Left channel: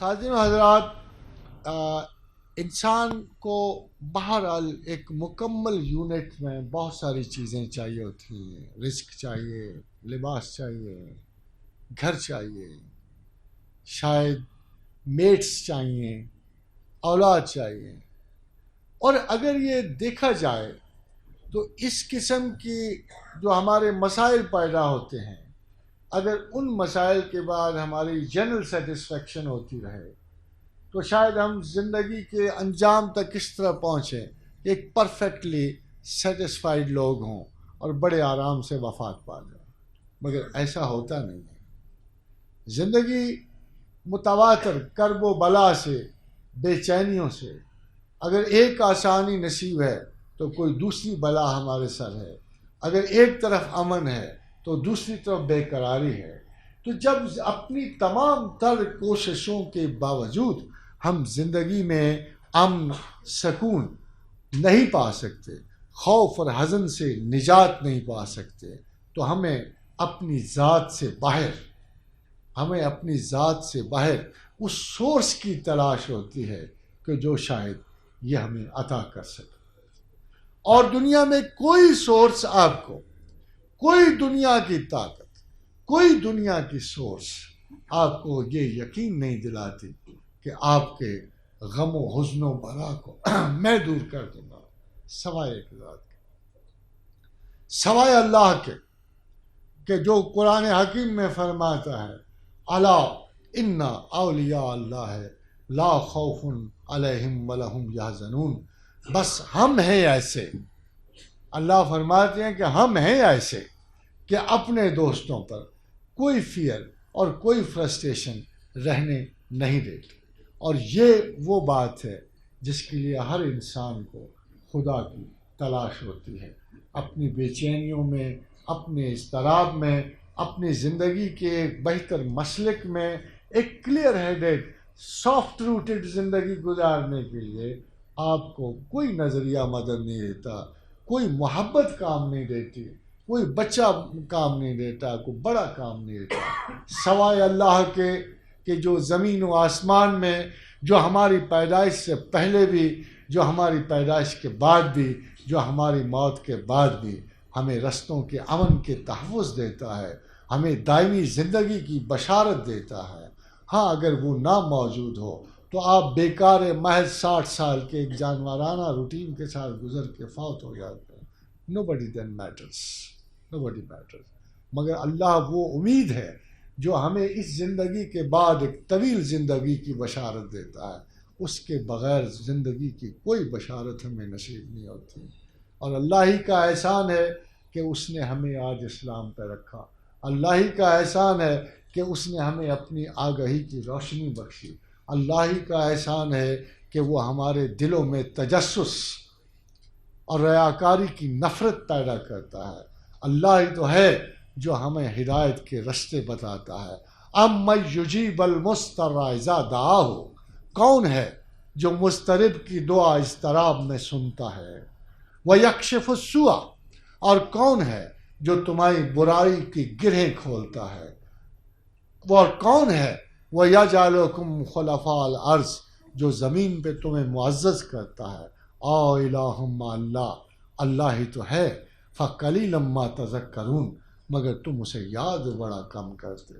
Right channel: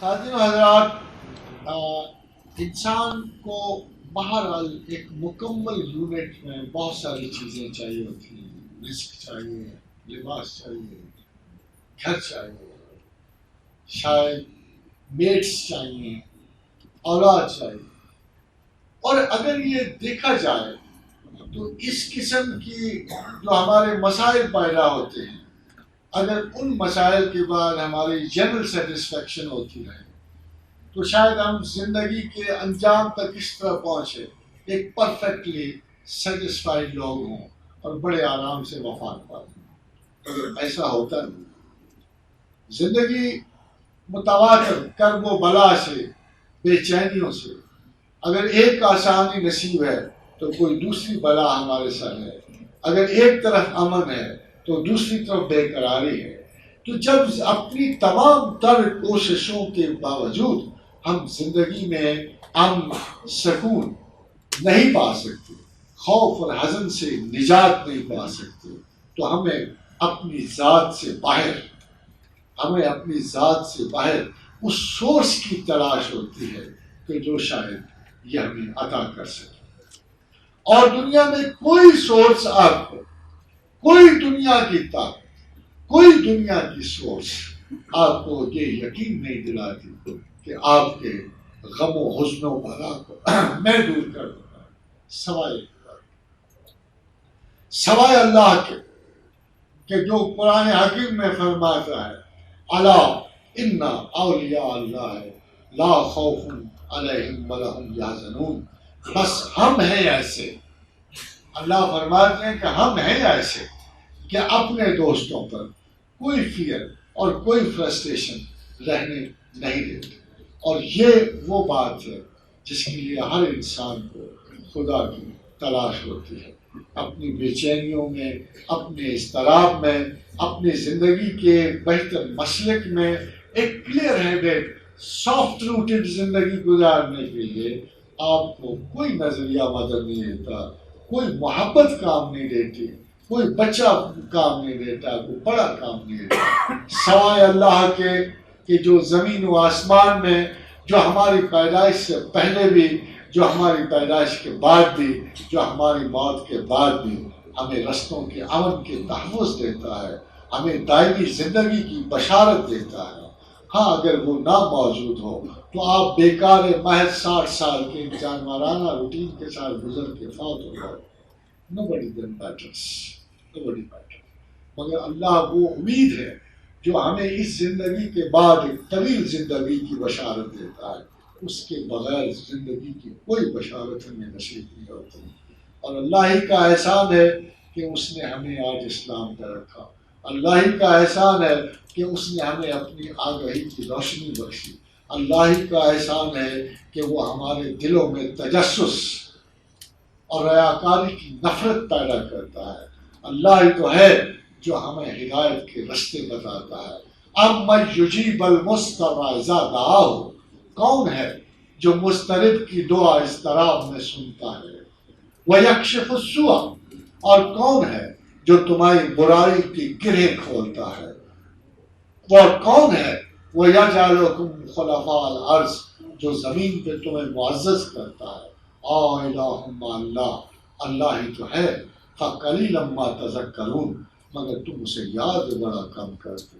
خادم حضرات، انسان کو بہرحال ایک مکمل یونٹ میں بہت ساری چیزیں چاہیے ہوتی ہیں. رزق چاہیے، لباس چاہیے، گھر چاہیے، شاید میٹس چاہیے، اولاد چاہیے. اور اگر یہ دیکھا جائے تو اس قسم کی جو ہمارے مسائل پیدا ہوتے ہیں، اگر ان مسائل کے بعد ہماری جنرل سیٹسفیکشن ہوتی رہے تو شاید ہم زندگی کے انجام تک اس طرح پہنچے ایک پرفیکٹلی سیٹسفائیڈ لوگ ہوں اور بڑے آرام سے وفات پا لیں. مگر ایسا ہوتا نہیں. زندگی متواتر کرب و بلا سے، بے چینیوں سے. اگر ایک آسانی نصیب ہے تو کوئی دوسری بلا ہمارے ساتھ ہے. اگر ایک طرف امن ہے تو دوسری طرف بے قراری ہے. تو جب اپنی تمام تر کوششوں کے باوجود ہم زندگی میں امن، سکون نہیں پا سکتے، خوف اور حزن سے نجات نہیں پا سکتے، تو ہمیں اپنی ذات سے باہر اس سورس کی تلاش ہوتی ہے کہ جو شاید یہ ہمیں عطا کر سکے. اور دنیا میں کوئی سورس آپ کو، کوئی دنیا کی طاقت، کوئی دنیا کی سورس آپ کو یہ یقین نہیں دلاتی کہ آپ کے غم و حزن و بلا کو میں دور کر دوں گا، سوائے اللہ کے، کہ جو قرآن حکیم میں فرماتا ہے الا ان اولیاء اللہ لا خوف علیہم ولا هم یحزنون. بس ہم ہیں ایسے، اللہ فرماتے ہیں کہ ہم ہیں ایسے کہ اپنے دوستوں پر کوئی فیئر اور کوئی فرسٹریشن رہنے نہیں دیتے. اور یہ وہ بات ہے جس کے لیے ہر انسان کو خدا کی تلاش ہوتی ہے. اپنی بے چینیوں میں، اپنے اضطراب میں، اپنی زندگی کے بہتر مسلک میں ایک کلیئر ہیڈڈ سافٹ روٹڈ زندگی گزارنے کے لیے آپ کو کوئی نظریہ مدد نہیں دیتا، کوئی محبت کام نہیں دیتی، کوئی بچہ کام نہیں دیتا، کوئی بڑا کام نہیں دیتا، سوائے اللہ کے کہ جو زمین و آسمان میں، جو ہماری پیدائش سے پہلے بھی، جو ہماری پیدائش کے بعد بھی، جو ہماری موت کے بعد بھی ہمیں رستوں کے امن کے تحفظ دیتا ہے، ہمیں دائمی زندگی کی بشارت دیتا ہے. ہاں اگر وہ نہ موجود ہو تو آپ بیکار محض 60 سال کے جانورانہ روٹین کے ساتھ گزر کے فوت ہو جاتے. Nobody then matters. Nobody matters. مگر اللہ وہ امید ہے جو ہمیں اس زندگی کے بعد ایک طویل زندگی کی بشارت دیتا ہے. اس کے بغیر زندگی کی کوئی بشارت ہمیں نصیب نہیں ہوتی. اور اللہ ہی کا احسان ہے کہ اس نے ہمیں آج اسلام پہ رکھا. اللہ ہی کا احسان ہے کہ اس نے ہمیں اپنی آگہی کی روشنی بخشی. اللہ ہی کا احسان ہے کہ وہ ہمارے دلوں میں تجسس اور ریاکاری کی نفرت پیدا کرتا ہے. اللہ ہی تو ہے جو ہمیں ہدایت کے رستے بتاتا ہے. اَمَّن یُجِیبُ الْمُضْطَرَّ اِذَا دَعَاهُ، کون ہے جو مضطرب کی دعا اضطراب میں سنتا ہے. وَيَكْشِفُ السُّوءَ، اور کون ہے جو تمہاری برائی کی گرہیں کھولتا ہے. وہ کون ہے وَيَجْعَلُكُمْ خُلَفَاءَ الْأَرْضِ، جو زمین پہ تمہیں معزز کرتا ہے. الٰہٌ مع اللہ، اللہ ہی تو ہے. فَقَلِيلًا مَا تَذَكَّرُونَ، مگر تم اسے یاد بڑا کم کرتے.